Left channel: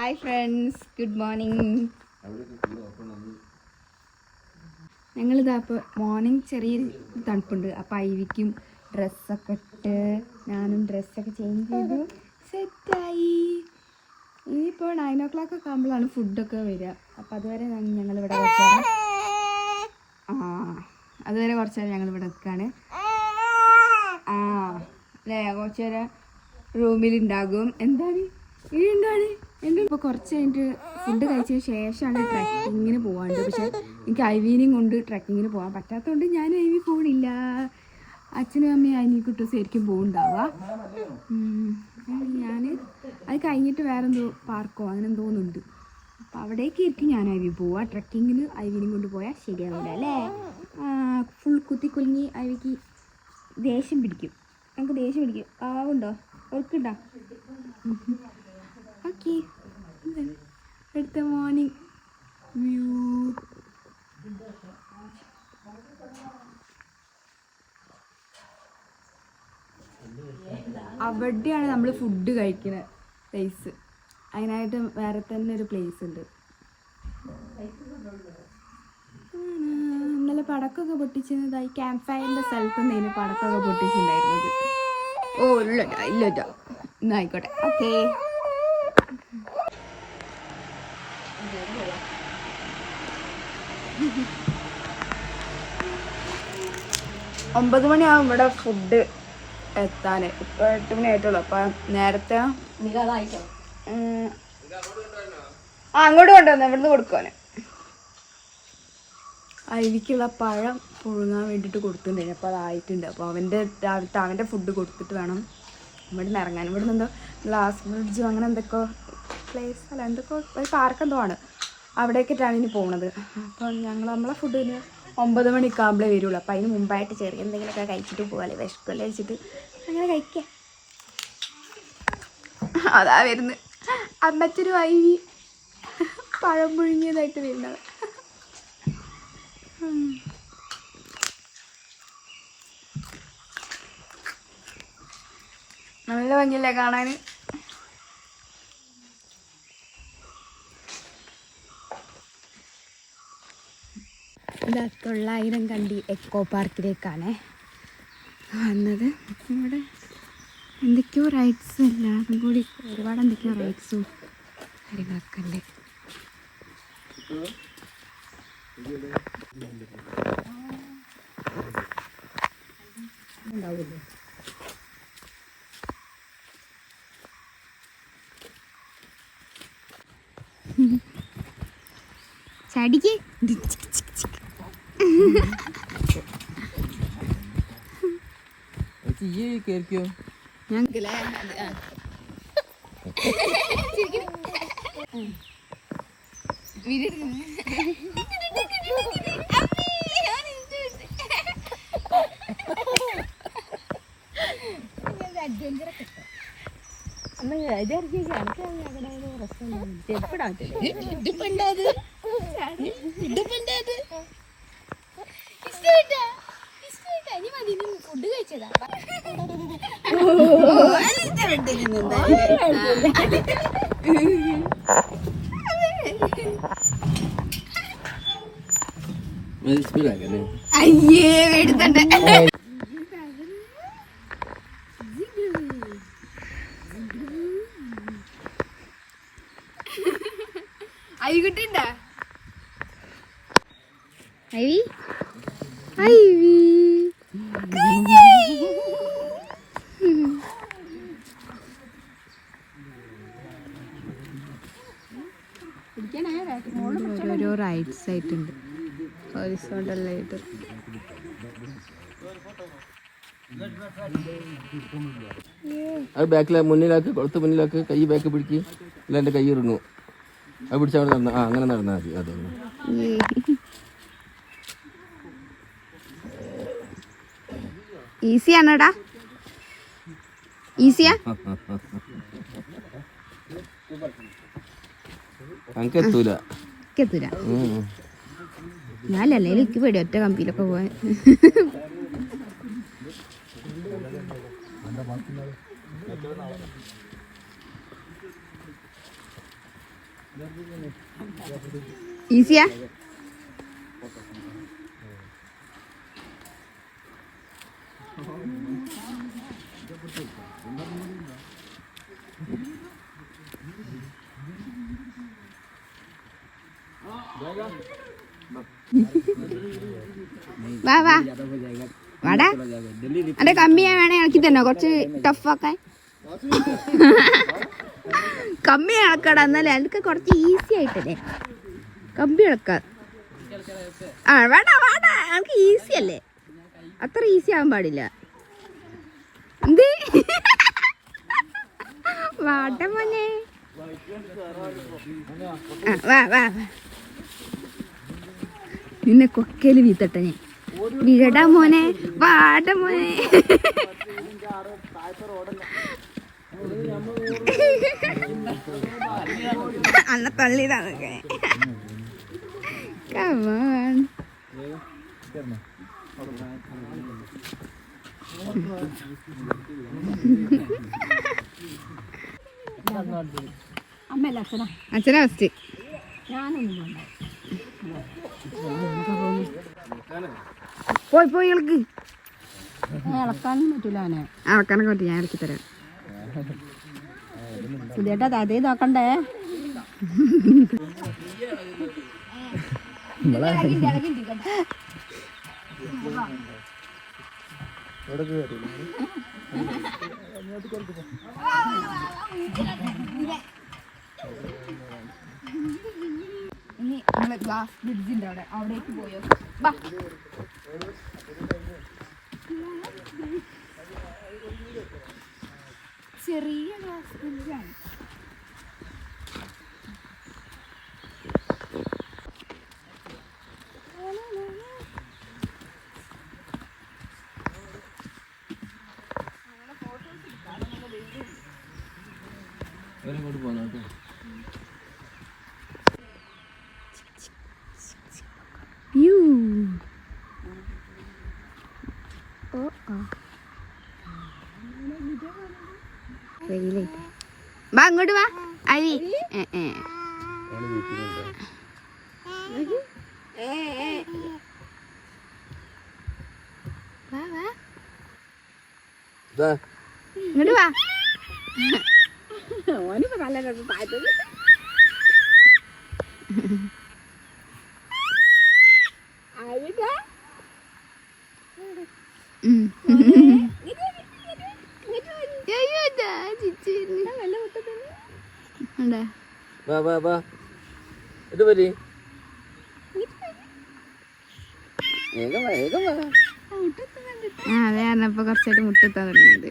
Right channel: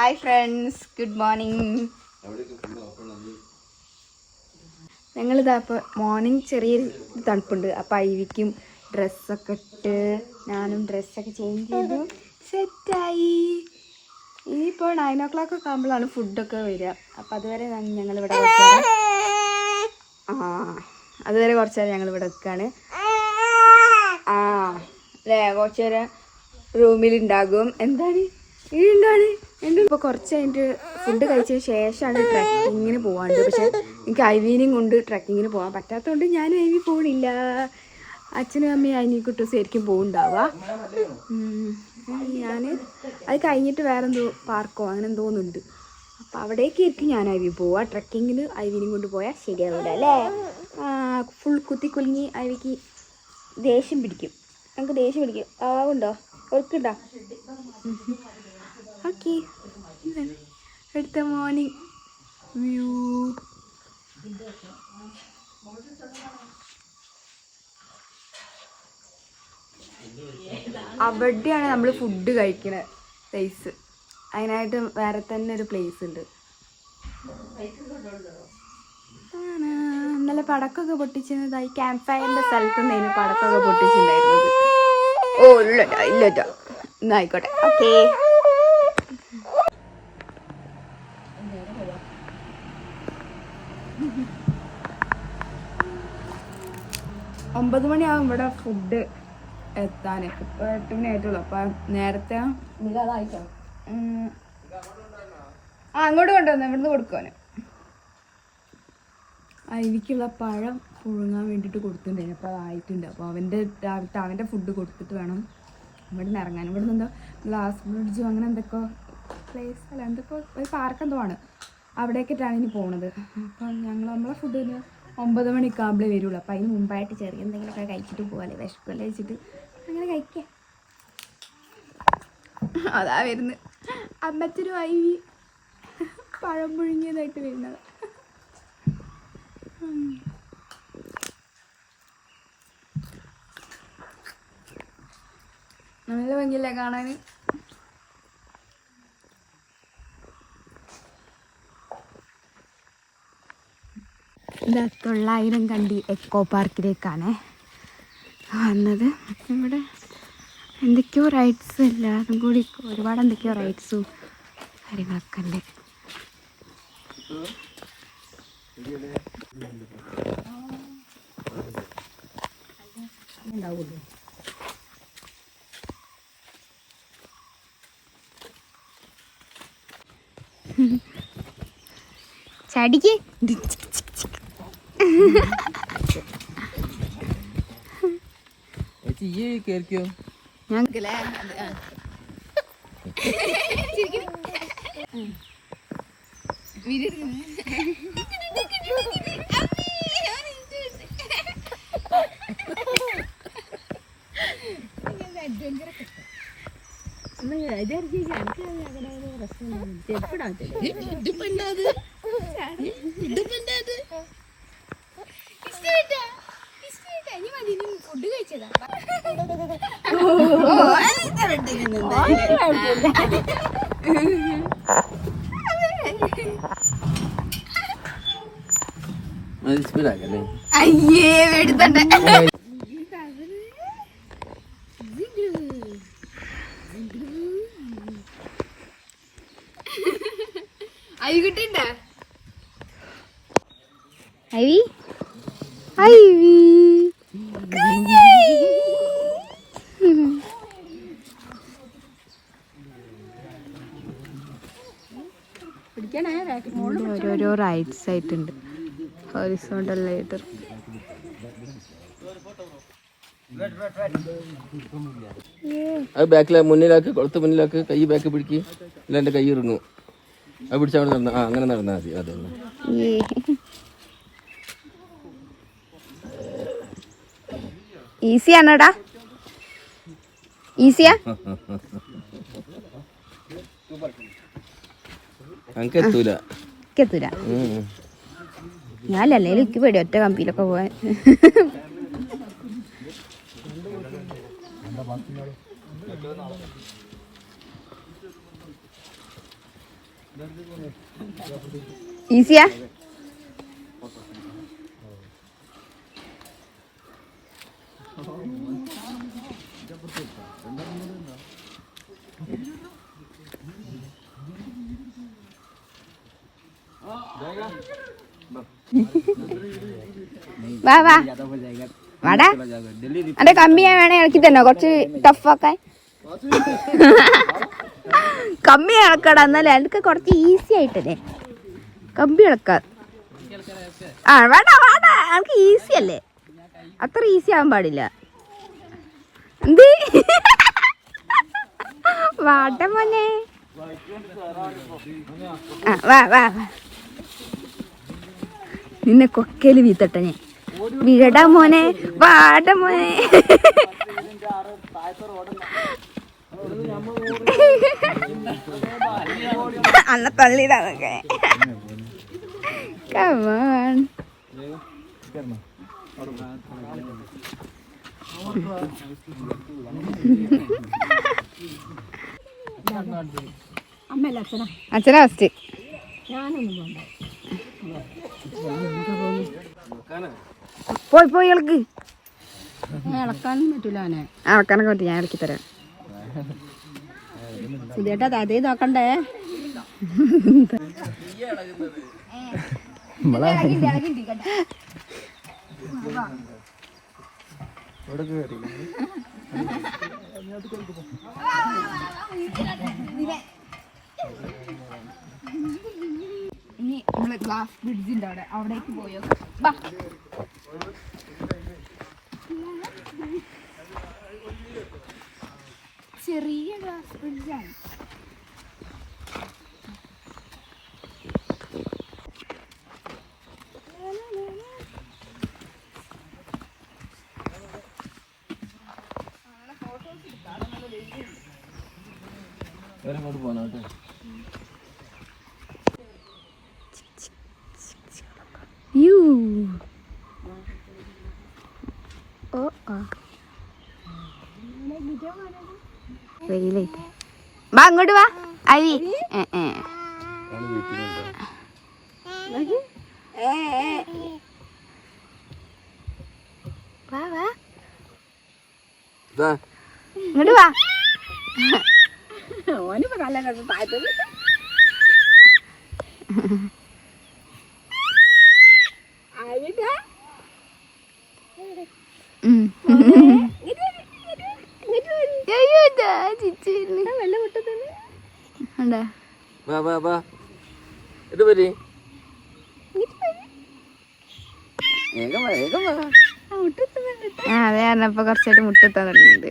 Hi friends, good morning. ഞങ്ങളിതാ ഇപ്പോൾ morning ചെറിയൊരു തണുപ്പുണ്ട്. അപ്പോൾ ഐവിക്കും ഡ്രസ്സൊക്കെ ഇട്ട് ഞാനും ഡ്രസ്സൊക്കെ ചേഞ്ച് ചെയ്തു സെറ്റായി. ഇനിയിപ്പോൾ 9 o'clock ഒക്കെ ആകുമ്പോഴാണ് ഫുഡൊക്കെ വരിക. അപ്പോൾ അതുവരെ ഞങ്ങളിവിടെ കുറച്ച് നേരം ഞങ്ങളിവിടെ നിൽക്കുകയാണ്. അല്ലേ, കുറച്ച് നേരം റൂമിലുണ്ടാകും. എന്താണ് ഇപ്പോൾ കുറച്ച് കഴിഞ്ഞിട്ട് ഫുഡ് കഴിച്ചതിന് ശേഷമാണ് ട്രക്കിങ്ങിന് പോകാണ്ട്. പക്ഷെ എനിക്ക് ഐവീനെയും കൊണ്ട് ട്രക്കിങ്ങിന് പോകാൻ പറ്റാത്തതുകൊണ്ട് ഞാൻ ഐവി പോകണില്ല. അച്ഛനും അമ്മയും അതിനെക്കുട്ടി ശരിക്കും പോകുന്നുണ്ടാവുക. ഞാൻ അത് കഴിഞ്ഞിട്ട് വേറെ എന്തോ പാർക്കോ അങ്ങനെ എന്തോന്നുണ്ട്. അപ്പോൾ അവിടേക്ക് ആയിരിക്കും ഞാൻ ഐവി പോവുക. ട്രക്കിങ്ങിന് ഐവിനെയും കൊണ്ട് പോയാൽ ശരിയാവില്ല അല്ലേ. ഫുൾ കുത്തിക്കുലുങ്ങി ഐവിക്ക് ദേഷ്യം പിടിക്കും. നമുക്ക് ദേഷ്യം പിടിക്കും. ആവുണ്ടോ ഓർക്കുണ്ടോ? ഓക്കെ, അടുത്ത മോർണിംഗ് വ്യൂ. അവിടെയാണ് നമ്മൾ ഫുഡ് കഴിക്കുന്ന പ്ലേസ്. അതിനായിട്ട് വേറെ തന്നെ ഒരു പ്ലേസ് ഉണ്ട്. ഇന്നലെ പടക്കമൊക്കെ പൊട്ടിച്ചതായി ക്യാമ്പ് ഫയറിൻ്റെ സ്ഥലത്ത് നിന്ന് പടക്കമൊക്കെ പൊട്ടിച്ചിട്ടുണ്ടായിരുന്നത്. ഓ ഇല്ലട്ടോ എന്നാ ആയിക്കോട്ടെ. ഓക്കേ, 9 മണിയാവും ഇവിടെ ഫുഡ് എത്താൻ. ഇപ്പോൾ 8 മണി ആയിട്ടുള്ളൂ. അപ്പം നേരത്തെ അങ്ങോട്ട് കൊണ്ടുവന്നു ഇവിടുന്ന് കൊടുക്കുവാന്. ഐവിക്കുള്ള പഴം പുഴുങ്ങാൻ വേണ്ടിയിട്ട് കൊടുത്തിട്ടുണ്ടായിരുന്നു. അപ്പോൾ അതായിട്ടുണ്ട്. അപ്പോൾ അവൻ്റെ ഫുഡ് കൊടുത്തിട്ട് വേണം ഇവിടെ നിന്ന് ഇറങ്ങാൻ. ഇവിടെ നിന്ന് എന്തോ ഗ്ലാസ് ബ്രിഡ്ജും അങ്ങനെ എന്തൊക്കെയോ പ്ലേസ് അല്ല എന്തൊക്കെയോ ഒരു പാർക്ക് എന്തോ ആണ്. അവിടേക്കിട്ടാണ് ഇനി പോകുന്നത്. അപ്പം നമ്മളെ ഫുഡിന് 9 മണിയൊക്കെ ആകുമ്പോഴേ വരുള്ളൂ. അപ്പം അതിന് മുമ്പായിട്ട് ചെറിയ എന്തെങ്കിലുമൊക്കെ കഴിച്ചിട്ട് പോകാല്ലേ, വിശക്കല്ലേ വെച്ചിട്ട് അങ്ങനെ കഴിക്കാം. അതാ വരുന്നത് അമ്മച്ചൊരു ഐവി പഴം പുഴുങ്ങിയതായിട്ട് വരുന്നത്. നല്ല ഭംഗിയല്ലേ കാണാൻ. ഇത് 900 കണ്ടി എക്കോ പാർക്കിലേക്കാണ് വന്നത്. ഇവിടെ എന്തൊക്കെയോ റൈഡ്സ് എല്ലാതും കൂടി ഒരുപാട് എന്തൊക്കെയോ റൈഡ്സും കാര്യങ്ങളൊക്കെ ഉണ്ട്. ചടിക്ക് ഞാൻ ഫുഡ് കഴിച്ചതാ. അയ്യേ എടുത്തണ്ടേ. ഐവി കിട്ടിണ്ട ഐവി ഐവി ഓരോരോ റൈഡ്സ് ആയിട്ടുണ്ട്. ഹോറിസോണ്ടലായിട്ട് അത് ബാക്കിലെ മുന്നിലാക്ക്, കൊളുത്ത് മുന്നിലാക്ക്, കൈ ബാക്ക് പിടിക്കും. ഇല്ല എൻ്റെ കൈ ഇറങ്ങും. അത് പിടിച്ചാൽ നടന്ന അങ്ങനെ നടന്നാൽ മതി. അതെ, ഈസിയാണോടാ? ഈസിയാ? എത്തൂല. ഞാനല്ലേ എനിക്ക് പേടി ഒറ്റ കമ്പിയിലൊക്കെ പോവാൻ. ഈസിയാ? വാ വാ വാടാ. അന്റെ കമ്മിയാ വേണേ ഇളക്കി തന്നോ, കുറച്ച് ടഫാക്കാൻ. കമ്പി ഇളക്കടാ, എന്നാലേ എനിക്ക് കുറച്ച് ഈസി ആയിട്ടല്ലേ കമ്പി ഇളക്കാൻ. ആ വേണ്ട വേണ്ട, എനിക്ക് ഈസി അല്ലേ, അത്ര ഈസി ആവാൻ പാടില്ല. എന്ത് വാട്ട മോനെ. ആ വാ വാ വാ, നിന്നെ കൊക്കയില് വീത്തട്ടെ ഞാൻ. വിഴടാ മോനെ, വാട മോനെ. അന്ന തള്ളിയതാണൊക്കെ. Come on. അച്ഛനാ ഫസ്റ്റ്. പോയി പോയി ഇളക്ക്. ഇളക്കാനും പറ്റില്ല അവനെ. ഇളക്കാനൊക്കെ പറ്റും, ഞാൻ ഇളക്കി തരാം. സുധേട്ടാ അതേ നോക്കണ്ടേ. ഇനി നമ്മള് ഗ്ലാസ് ബ്രിഡ്ജിന്റെ അവിടേക്ക് പോയോ? ചെറിയ ഗ്ലാസ് ബ്രിഡ്ജാണ്. വാ അങ്ങോട്ട് വാ അഴി. വാ വാ ഇങ്ങോട്ട് വാ. ഓനിപ്പോ നല്ല താഴ്ത്തത്. അതെ പറഞ്ഞപ്പോ കുറച്ചായിട്ട് മുട്ടെത്താൻ തുടങ്ങിയത്.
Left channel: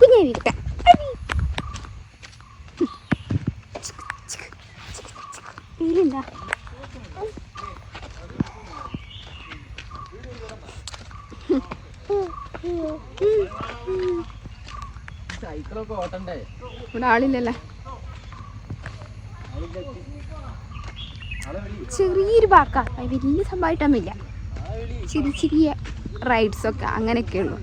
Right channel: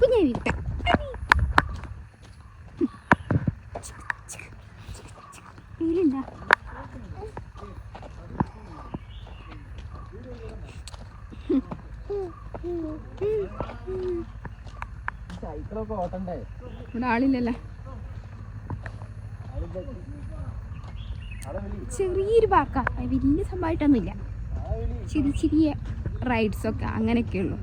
കുഞ്ഞാവി കുട്ട വീലുണ്ടാ? ഇവിടെ ആളില്ലല്ലേ. ചെറിയൊരു പാർക്കാ, വലിയ സംഭവമായിട്ടൊന്നുമില്ല. ചെറിയ ചെറിയ റൈഡ്സൊക്കെ അങ്ങനെയൊക്കെ ഉള്ളു.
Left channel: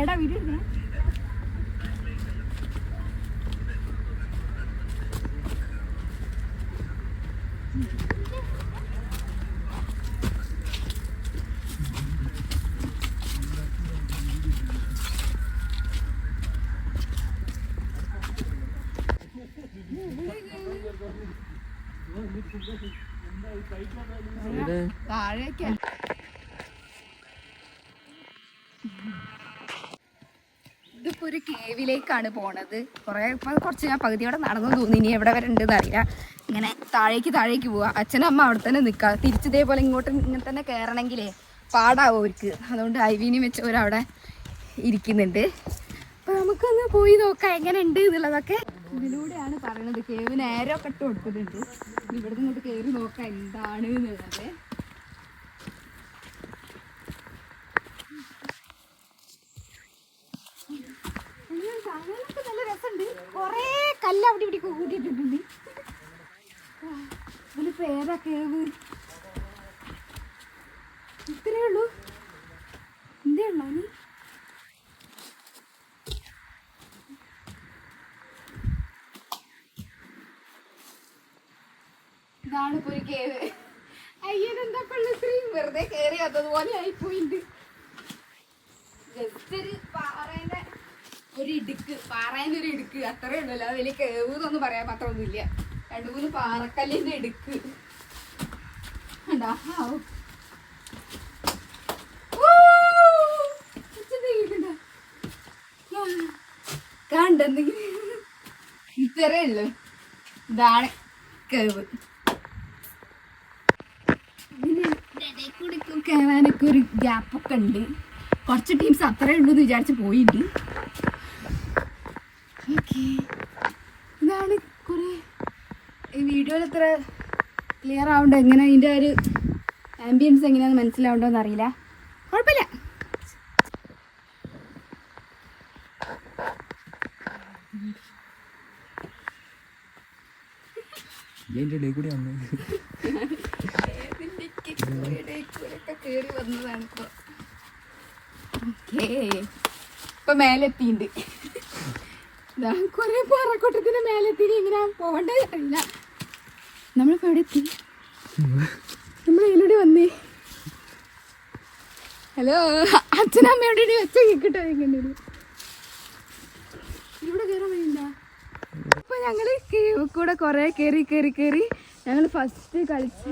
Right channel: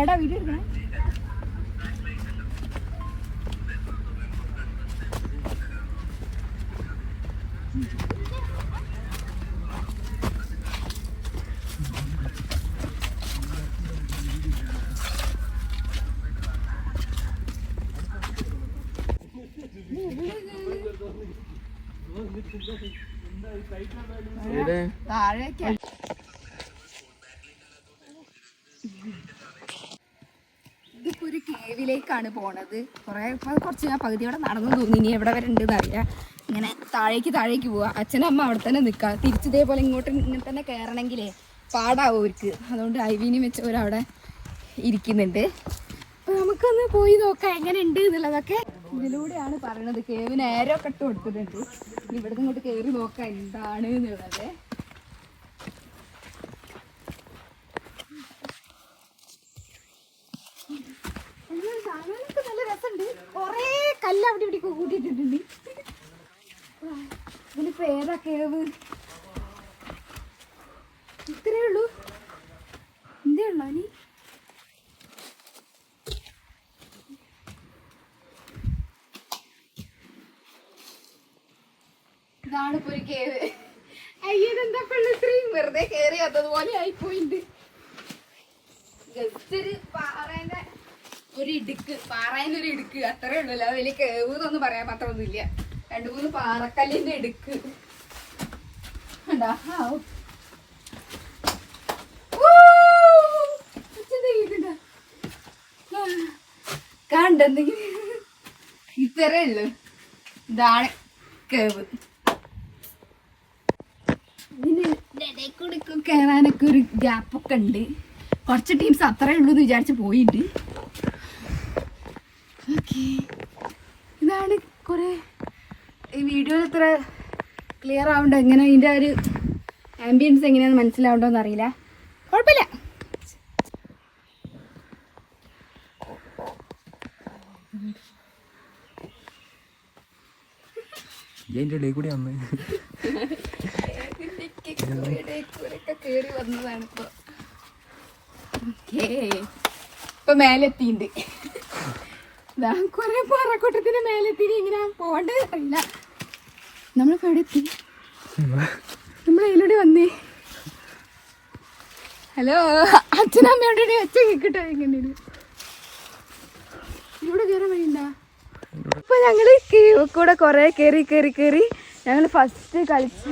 എടാ വീഡിയോ എടുക്കണേ. താഴേക്കാ ഇത് നമ്മളിപ്പോൾ ഒരു കേവിലേക്കാണ് പോണത്. കുറച്ച് ഞാൻ പകുതിയോടെ നടന്നു തോന്നി, ഇനി എവിടെ വരെ ഉണ്ടെന്ന് അറിയില്ല. ഇങ്ങനെ താഴേക്ക് പോവുക. അച്ഛനും അമ്മ അവിടെ തന്നെ നിൽക്കുക. തിരിച്ചിതേപോലെ ഇങ്ങനെ തന്നെ കയറണമെങ്കിലേ പാടാവും അവർക്ക്. അതുകൊണ്ട് ഐവീനും വെച്ചവരവിടെ ഇരിക്കുന്നുണ്ട്. അപ്പോൾ നമുക്കൊന്ന് പോയി നോക്കാം എങ്ങനെ ഉണ്ട് എന്നുള്ളതൊക്കെ. ഇതിലൂടെയാണ് പറയണത്. കേവിന് ഏരോ ഒക്കെ ഇട്ട് കൊടുക്കുന്നുണ്ട്. ഇനി ഇവിടുന്ന് ഇങ്ങോട്ട് കയറി നോക്കാം എന്താണ് എന്നുള്ളത്. നല്ല രസമുണ്ട്. കൊറേ കല്ല് അവിടെ ഇവിടെ കൂട്ടിയിട്ടിട്ടുണ്ട്. ഇതിന് പേരാ കേവ്. ഇത്രയേ ഉള്ളൂ. എന്തേ ഉള്ളൂ നീ? ഇതാണ് ഇപ്പൊ ഒരു കേവ്. അയ്യനെന്താ ഇത്രയും വെറുതെ കയറി വന്നതുപോലെ ആയിപ്പോയിണ്ട്. ജസ്റ്റ് ഒരു പാറേന്റെ ഒരു ഇടുക്ക് അത്രേ ഉള്ളല്ലോ. വലിയ കേവ് എന്നൊന്നും പറയാൻ മാത്രമൊന്നുമില്ല. 2-3 പാറക്കല്ലിന്റെ ഇടുക്ക് കണ്ടെന്തെങ്കിലും ഇത്രേ ഉള്ളു. ഇതാണ് കേവ്. ഇതിനിടയിൽ കയറാനൊക്കെ ഒരു ഗ്യാപ്പൊക്കെ ഉണ്ട്. കുറച്ച് ടീംസ് അത്രേ ഉള്ളൂ എന്ന് വിചാരിച്ച് പോയിട്ടുണ്ട്. ഓക്കെ, ഇതാണ് കുറേ ഈ വീഡിയോയിൽ ഇത്ര ക്ലിയർ ആവണ്ടോ, എങ്ങനെ അതിൻ്റെ ഒരു ആംബിയൻസ് എങ്ങനെയാണെന്ന് മനസ്സിലാവണ്ടോന്ന് അറിയില്ല. കുഴപ്പമില്ല. കേറി വന്നതാണ് ഇപ്പൊ. ഇപ്പൊ മേലെത്തിണ്ട്. കൊറേ പാറക്കൂട്ടത്തിന് മേലെത്തി. എങ്ങനെയാ പോണ്ടതല്ല. നമ്മളിപ്പോ എവിടെ എത്തി? നമ്മളതിലൂടെ വന്നേ. ഹലോ, അച്ഛനമ്മയോടെ ഒച്ച കേക്കിട്ടോ. ഇങ്ങനെ ഇവിടെ കയറാൻ വഴിയുണ്ട. ഇപ്പൊ ഞങ്ങള് കൂടെ കൊറേ കേറി ഞങ്ങൾ ഫസ്റ്റ് കളിച്ച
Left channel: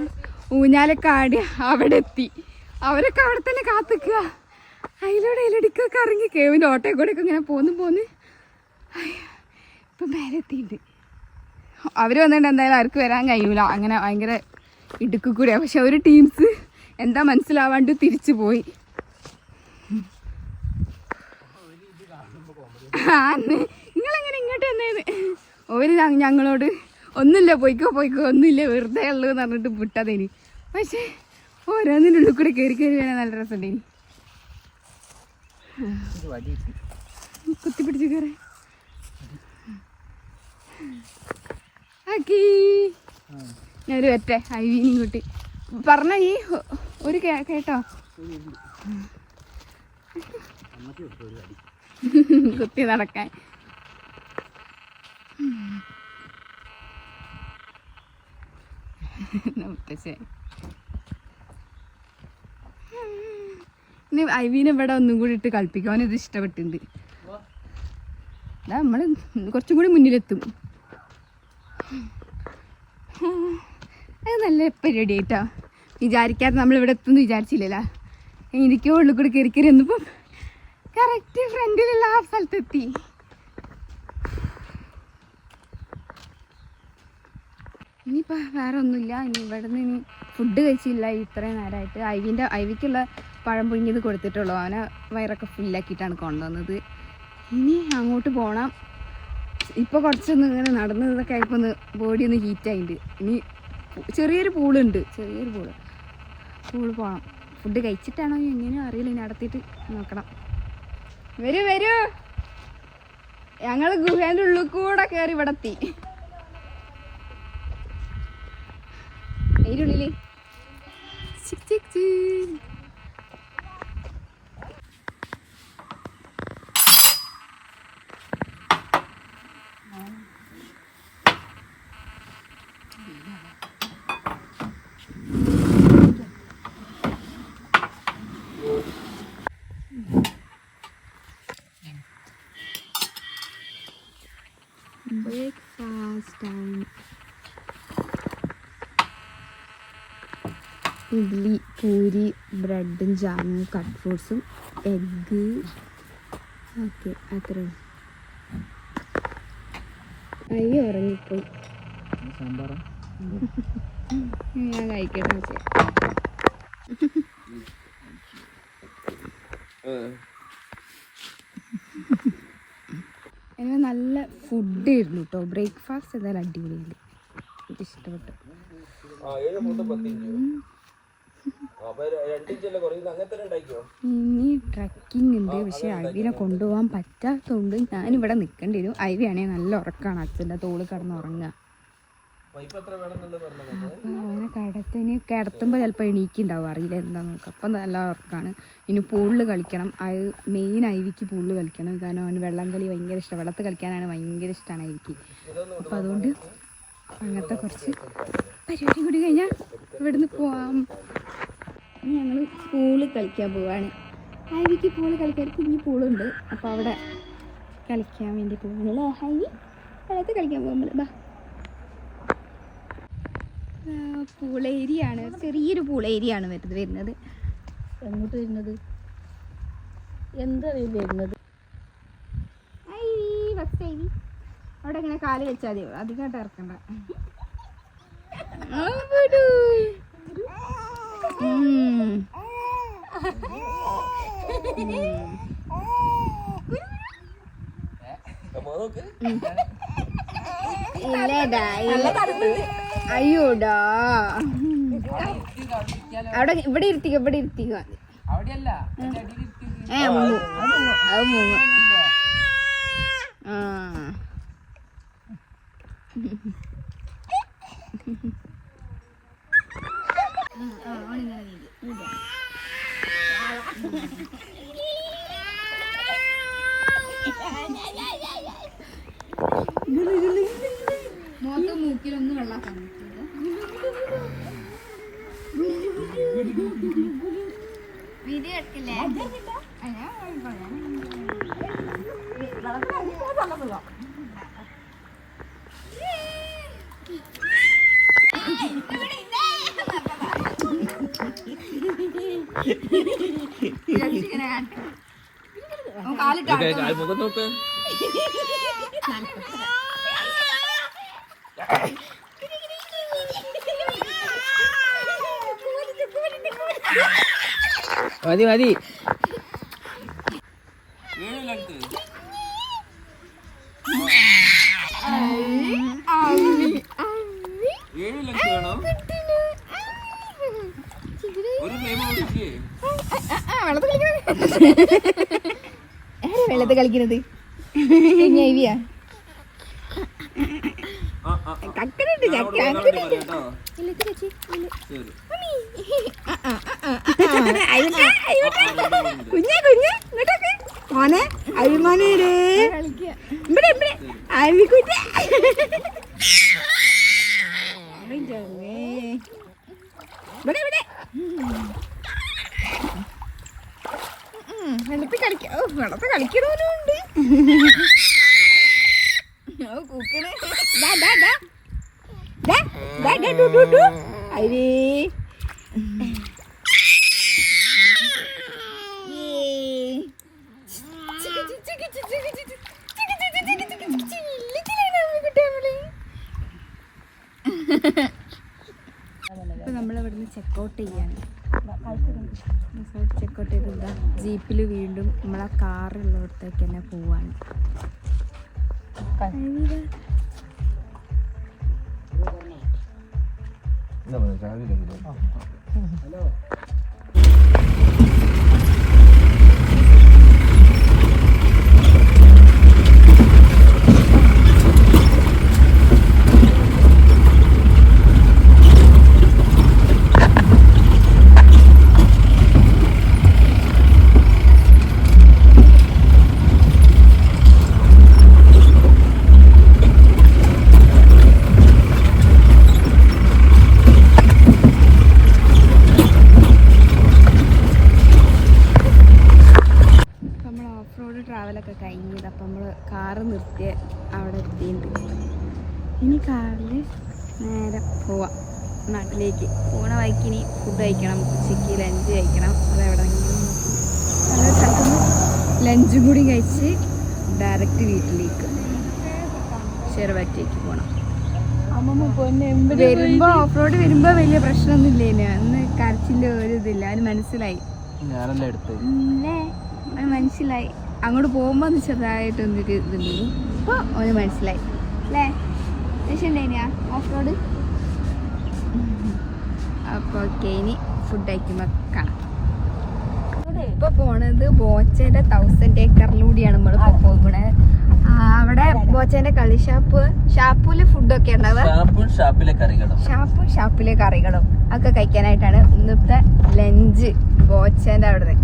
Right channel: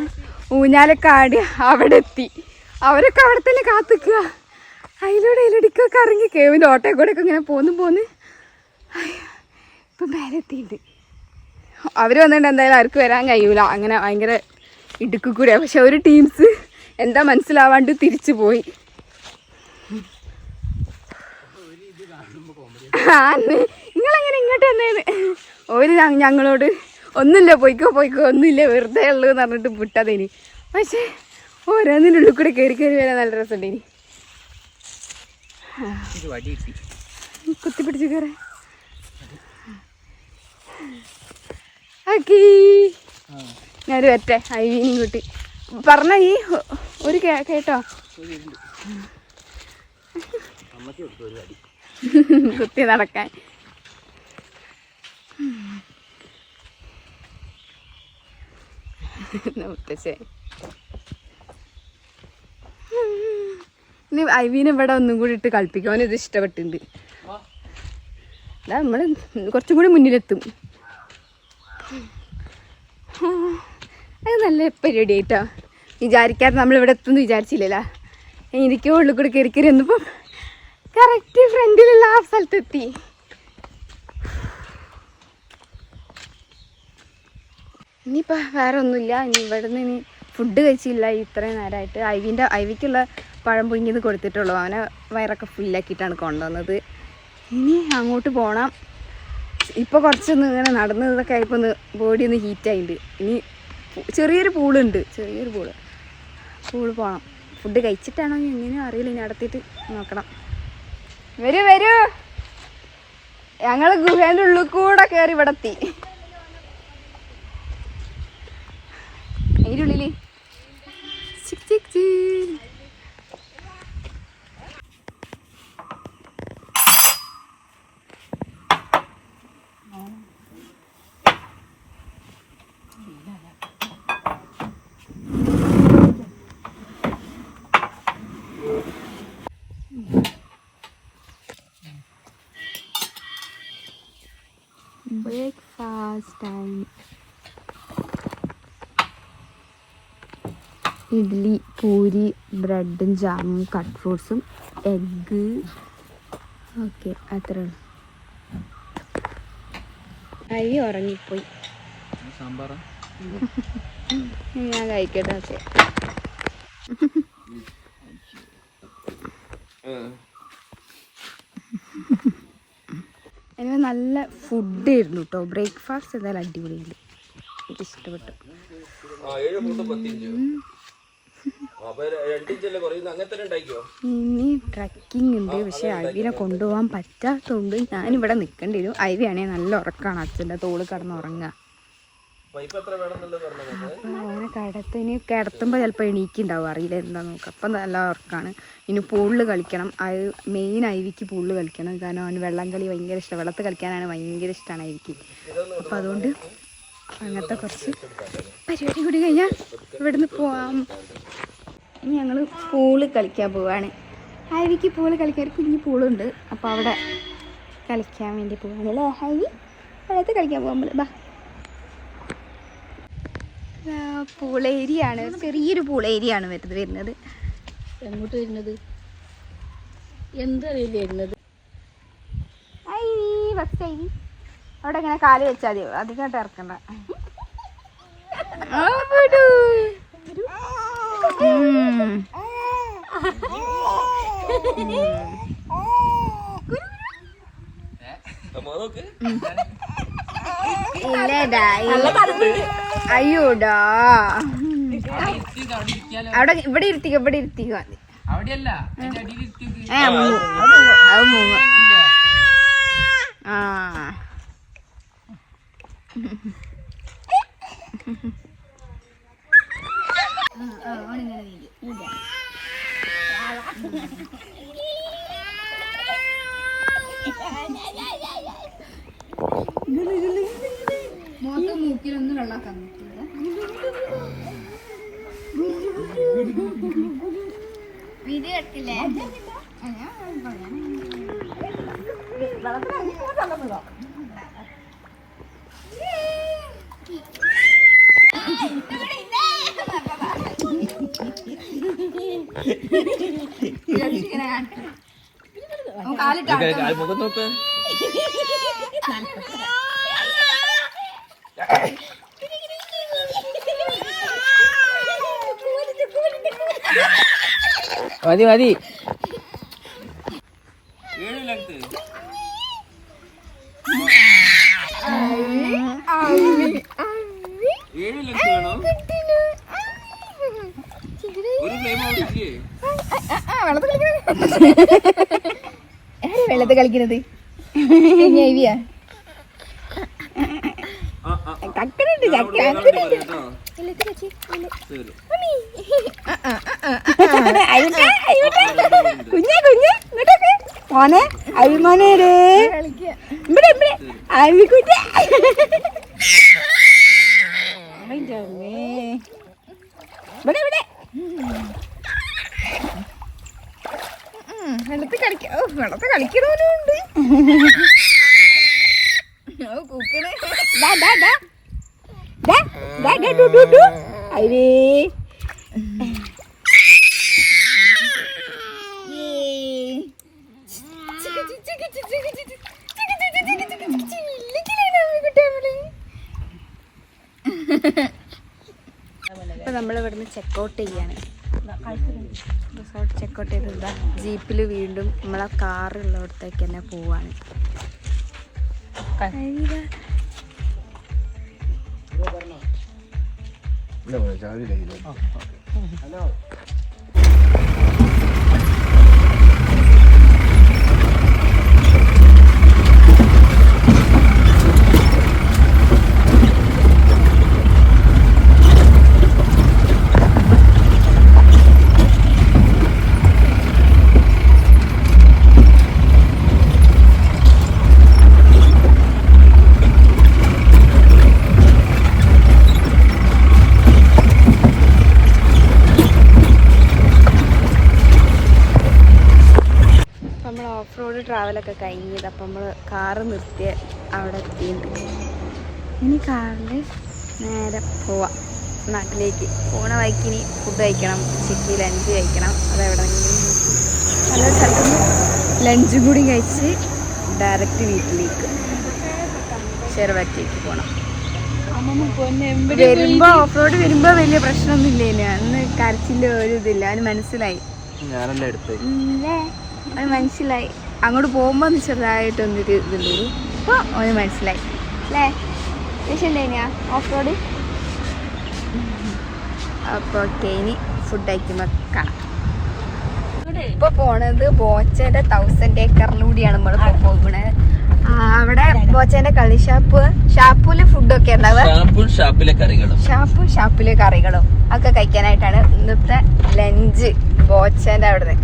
ഊഞ്ഞാലൊക്കെ ആടി അവിടെ എത്തി. അവരൊക്കെ അവിടെ തന്നെ കാത്തിക്കുക. അതിലൂടെയൊക്കെ ഇറങ്ങി കേവിൻ്റെ ഓട്ടയിൽ കൂടെ ഒക്കെ ഇങ്ങനെ പോന്ന് ഇപ്പം മേലെത്തിയിട്ട് അവർ വന്നിട്ട് എന്തായാലും അവർക്ക് വരാൻ കഴിയൂല. അങ്ങനെ ഭയങ്കര ഇടുക്കി കൂടെയാണ്. പക്ഷെ ഒരു ടീംസ് എന്താ മനസ്സിലാവാണ്ട് തിരിച്ചു പോയി. നിങ്ങളെങ്ങനെ ഇങ്ങോട്ട് വന്നേന്ന് ഒരു ഞങ്ങളോട് ഒന്നുമില്ല, പോയിക്കോ ഒന്നുമില്ല, വെറുതെ ഉള്ളൂ എന്ന് പറഞ്ഞിട്ട് വിട്ടതിനി. പക്ഷേ ഓരോന്നിനുള്ളിൽ കൂടെ കയറി വരാൻ നല്ല രസമുണ്ട്. ഇനി കുത്തിപ്പിടിച്ച് കയറേ. ഓക്കേ, ഞാനൊരു വരട്ടെ. ഐവീനും കൂട്ടി പറഞ്ഞ ഈ ഒരു കേട്ടോ കുത്തി നടക്കാൻ. മുത്തശ്ശേ, ഇനി ഐവീനെ ഇവിടെ ഒന്നും കൂടി ഇട്ട് കളിപ്പിക്കാൻ ഇത് ഇഷ്ടപ്പെട്ടിട്ടുണ്ട്. അതാ നമ്മൾ കുറച്ചും കൂടി മുന്നിലെത്തും. അത് നല്ല പരിപാടി ആയിട്ടോ. വിചാരിക്കാതെ നമ്മളിവിടെ എത്തുമെന്ന് വിചാരിച്ചില്ലല്ലോ. എനിക്ക് ഉള്ളിൽ കൂടി കയറി വന്നപ്പം കറക്റ്റ് ഫ്രണ്ടിലുള്ള ആ സ്ഥലത്തെത്തി. ഇനിയിപ്പോൾ വേറെ ഒന്നുമില്ല. ഇനി ഇവിടെ നിന്ന് ഇനി ഫുഡ് കഴിച്ചില്ല ഇത്രയും നേരമായിട്ട്. ഐവിക്കുള്ള പഴം പുഴുങ്ങിയത് കൊടുത്തിട്ടുള്ളൂ. അവനെ വയറൊക്കെ ഫുള്ളാക്കിയിട്ടാണ് കൊണ്ടുവന്നത്. ഇനി അങ്ങോട്ട് പോകണം. ഇപ്പോൾ കുറച്ചൊന്ന് ഇങ്ങനെ നടന്നതൊക്കെ ആയപ്പോൾ ഒന്ന് ബോഡി ഒന്ന് ഹീറ്റായിട്ടുണ്ട്. ഇനി ചെറിയൊരു പൂളുണ്ട്, പൂള് പോകണം. ഫുഡ് കഴിച്ചിട്ടാണോ എങ്ങനെയോ അറിയില്ല. ഇനി നടത്തിയിട്ട് നോക്കണം. വരൂ ഞങ്ങൾ ഗുഹേൻ്റെ ഉള്ളിൽ കൂടെ കയറി ഇവിടെ എത്തി. അതിൻ്റെ ഉള്ളിൽ ബ്രേക്ക്ഫാസ്റ്റ് ടൈം. ഇഡ്ഡലി, പൂരി, ബ്രെഡും ജാമും, കട്ട് ഫ്രൂട്ട്സും, എഗ്ഗ്, ഓക്കെ അത്ര അരി ഉറങ്ങിപ്പോയി. ഞാൻ കഴിക്കട്ടെ. എനിക്ക് നല്ല ഫുഡായിരുന്നു കേട്ടോ. ബ്രേക്ക്ഫാസ്റ്റ് എന്തായാലും അടിപൊളിയുണ്ട്, എനിക്ക് ഇഷ്ടപ്പെട്ടു. ഇനി ട്രക്കിംഗ് ഉണ്ട്, പക്ഷെ അവിനെ കൊണ്ടുപോകാൻ പറ്റാത്തതുകൊണ്ട് ഞാനിവിടെ നിൽക്കേണ്ടി വരും. അവിയാണെങ്കിൽ നല്ല ഉറക്കമാണ്, അച്ഛൻ്റെ തോള് കിടന്ന് ഉറങ്ങുക. അപ്പം അവനെ ഇനി കിടത്തുമ്പോൾ ചിലപ്പോൾ എണീക്കുണ്ടാവും, അറിയില്ല എന്താ നോക്കുക. അപ്പം നല്ല ഉറക്കമാണ്. ഇനി പൂളിൽ കളിക്കണം. അത് മെയിൻ ഐവിക്ക് പൂളിൽ കളിക്കണം, കാരണം അവന് വെള്ളം കളി ഭയങ്കര ഇഷ്ടം, വെള്ളത്തിൽ കളിക്കാനാണ് ഭയങ്കര ഇഷ്ടമാണ് ഐവിക്ക്. അപ്പം അതുകൊണ്ട് അങ്ങനത്തെ കുറച്ച് പരിപാടി കൂടി കഴിഞ്ഞാൽ ഇവിടുന്ന് പോവാം. ഇനി ഞങ്ങൾ പൂള് കളിക്കാൻ പോവാണ്. ഹൈവിക്ക് പൂള് കളിക്കാൻ കുഞ്ഞു പൂളുണ്ട്, അപ്പോൾ അവിടെ കളിക്കാൻ വേണ്ടി പോവാണ് അല്ലേ ഹൈവി? വെള്ളത്തിൽ കളിക്കാൻ പോകാൻ ബാ. പൂളേരിയാണ്, ചെറിയൊരു പൂളേരിയാണ് വരുന്നത്. എങ്ങോട്ട് വരുന്നത്? എന്തറിയില്ല വരുന്നത്. അവിടെ ഇങ്ങനെ കാല് വെച്ചാൽ മതി, അതിങ്ങോട്ട് ഇറക്കണ്ട. അയ്യോടാ, അവിടെ ഇവിടെ ഇരുത്തിക്കോ, ഇവിടെ ഇരുത്തിക്കോ. മൂക്കിലൊന്നും വെള്ളാക്കാൻ പറ്റില്ല. വീഡിയോ എടുക്കില്ലേ? മതി മതി. വെള്ളത്തിൽ കളിക്കുന്നത് കുഞ്ഞെ കുഞ്ഞെ മോനെ അഭിമാനേ അവിക്കുഞ്ഞ ഇവിടെ ഇവിടെ വെള്ളത്തിൽ കളിക്ക. ഓ വെള്ളത്തിൽ കളിക്കണവനുണ്ട്. കൂക്കണേ അരേ ഇപ്പൊ നമ്മളിവിടുന്ന് ചെക്കൗട്ട് ചെയ്യാണ്. റിസോർട്ട് ചെക്കൗട്ട് ചെയ്തതാ. ജീപ്പിൽ വീണ്ടും നമ്മളെ കാറുള്ളടത്തേക്ക് തന്നെ പോവാണ്. ട്രാവലൊക്കെ കഴിഞ്ഞത്. അപ്പം നമ്മൾ കാറ് നിർത്തിയ അവിടെ എത്തിയിട്ട് ഇനി കാറിൽ നേരെ പോവാം നാട്ടിലേക്ക്. പോണ വഴിക്കിനി ഫുഡ് കഴിക്കണം, ഉച്ചയ്ക്ക് ലഞ്ച് കഴിക്കണം. അതെവിടെയെങ്കിലും നല്ലൊരു സ്ഥലത്ത് ലഞ്ചും കൂടി കഴിച്ച് ഡയറക്റ്റ് വീട്ടിലേക്ക് ചെറുവാക്കിലേക്ക് പോകണം. വരുമ്പോ ഓഫ് റോഡ് വരുമ്പോ വലിയ പ്രശ്നമൊന്നുമില്ല. അന്ന് കരച്ചില്ല ഒരു ഇതില്ല. അതിന് മനസ്സിലായി. അത് മനസ്സിലായി. അങ്ങോട്ട് പോകുമ്പോ ചെറുതായിട്ടൊന്നൊരു ഇതുണ്ട്. അപ്പൊ അത് മനസ്സിലായി അല്ലേ? ശരിയാ ഓഫ് റോഡ്. അപ്പൊ ഓക്കെ, ഇനി ഫുഡ് കഴിക്കുമ്പോ കാണാം. ഇപ്പൊ പോണത് ബോച്ചേന്റെ 1000 ഏക്കറിലൂടെയാണ് നമ്മളിപ്പോ പോകുന്നത്. അവിടെ ബോച്ചേന്റെ കളി ഷാപ്പില് ഫുഡൊക്കെ ഉണ്ടാവുക. ഷാപ്പിലെ കറികളും ഒക്കെ കഴിക്കാനായിട്ടാണ് ഇന്നത്തെ ലഞ്ച് ബോച്ചേന്റെ അവിടെ.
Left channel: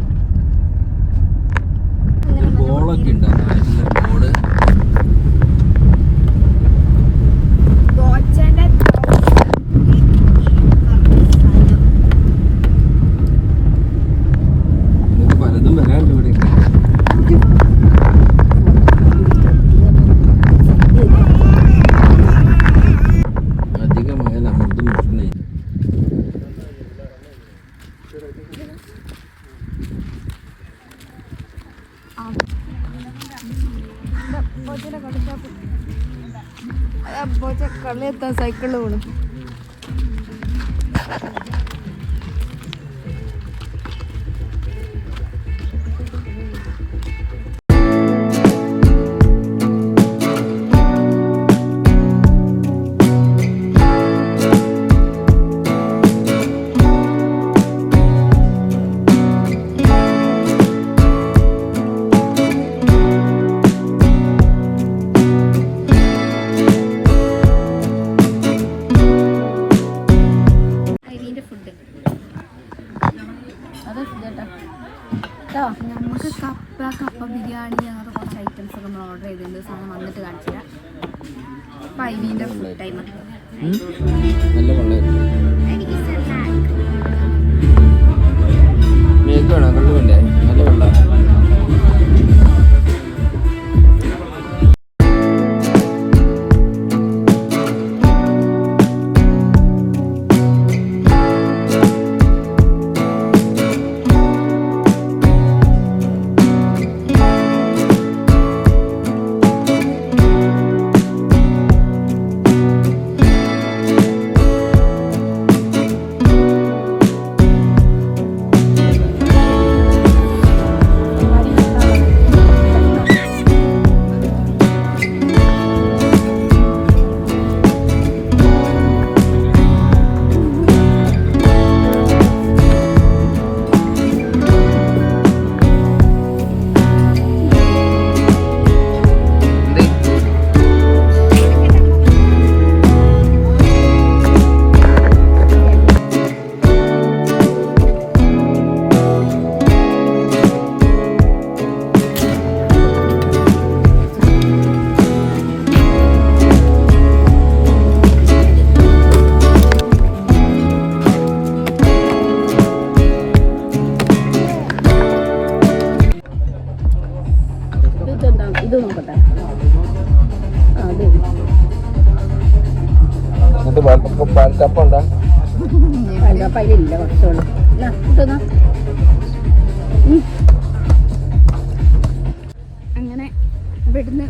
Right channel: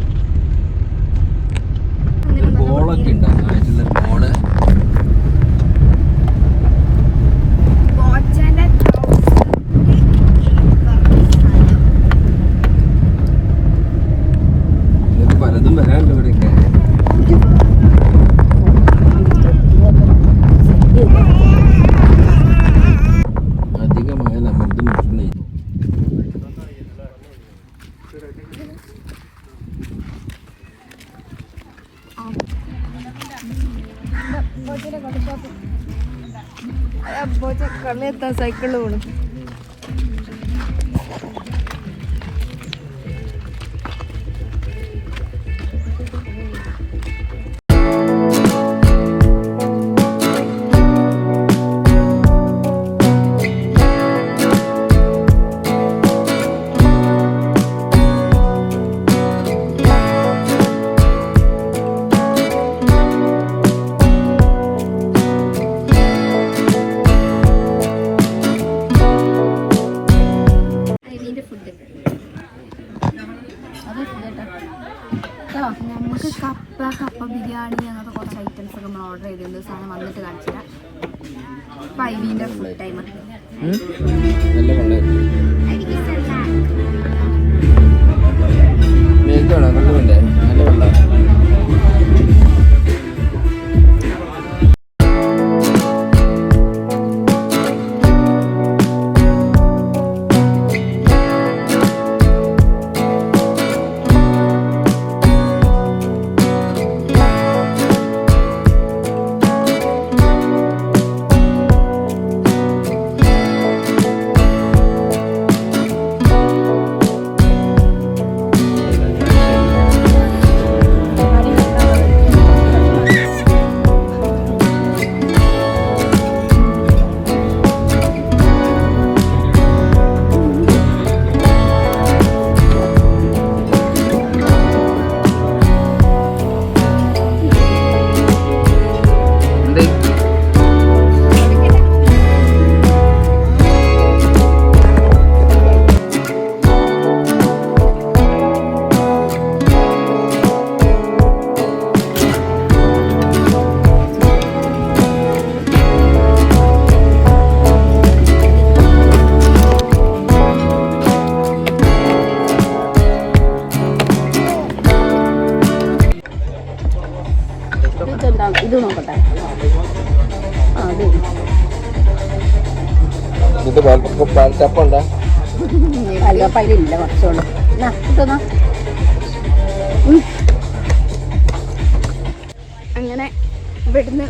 പലതും വരാനുണ്ട് ഇവിടെ. അധികമായ അമൃതും മുട്ടുന്നേ. കളിയെത്താൻ സൈക്കിളിൽ പോണു. നമുക്ക് കപ്പ ബിരിയാണി അങ്ങനത്തെ കുറച്ച് ഐറ്റംസ് ഒക്കെ നമ്മൾ ഓർഡർ ചെയ്തിട്ടുണ്ട്. സാധനം വന്നിട്ട് കാണിച്ചില്ല. ഇപ്പം ഐവിൻ്റെ ഫുഡ് ടൈമാണ്. അങ്ങനെ ഇവിടുന്ന്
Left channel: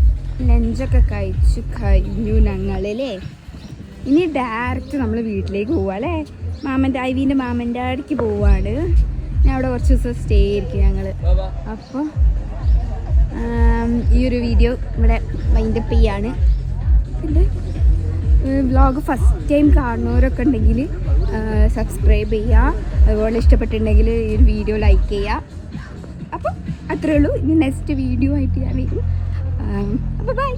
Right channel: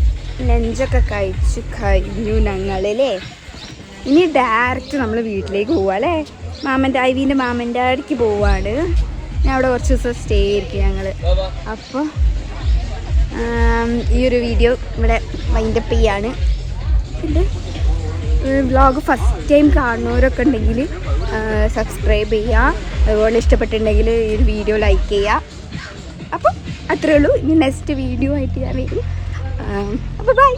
ലഞ്ചൊക്കെ കഴിച്ചു കഴിഞ്ഞു ഞങ്ങളില്ലേ. ഇനി ഡയറക്റ്റ് നമ്മൾ വീട്ടിലേക്ക് പോവാ അല്ലേ? ഐവിൻ്റെ മാമൻ്റെ അടുക്ക് പോവാണ്. ഞാൻ അവിടെ കുറച്ച് ദിവസം സ്റ്റേ ആയിരിക്കും ഞങ്ങൾ. അപ്പോൾ ഈ ഒരു വീഡിയോ ഇവിടെ വൈൻഡപ്പ് ചെയ്യാണ്. പിന്നെ വ്ളോഗ് ഫസ്റ്റ് ടൈം കാണുന്നവരൊക്കെ ഉണ്ടെങ്കിൽ സബ്സ്ക്രൈബ് ചെയ്യുക. അതുപോലെ ഇഷ്ടപ്പെട്ടിട്ടുണ്ടെങ്കിൽ ഈ ഒരു വീഡിയോ ലൈക്ക് ചെയ്യുക. അപ്പോൾ അത്രേ ഉള്ളൂ. ഇനി നെക്സ്റ്റ് വീഡിയോ ആയിട്ട് ഞാൻ വരും. അപ്പോൾ ബൈ.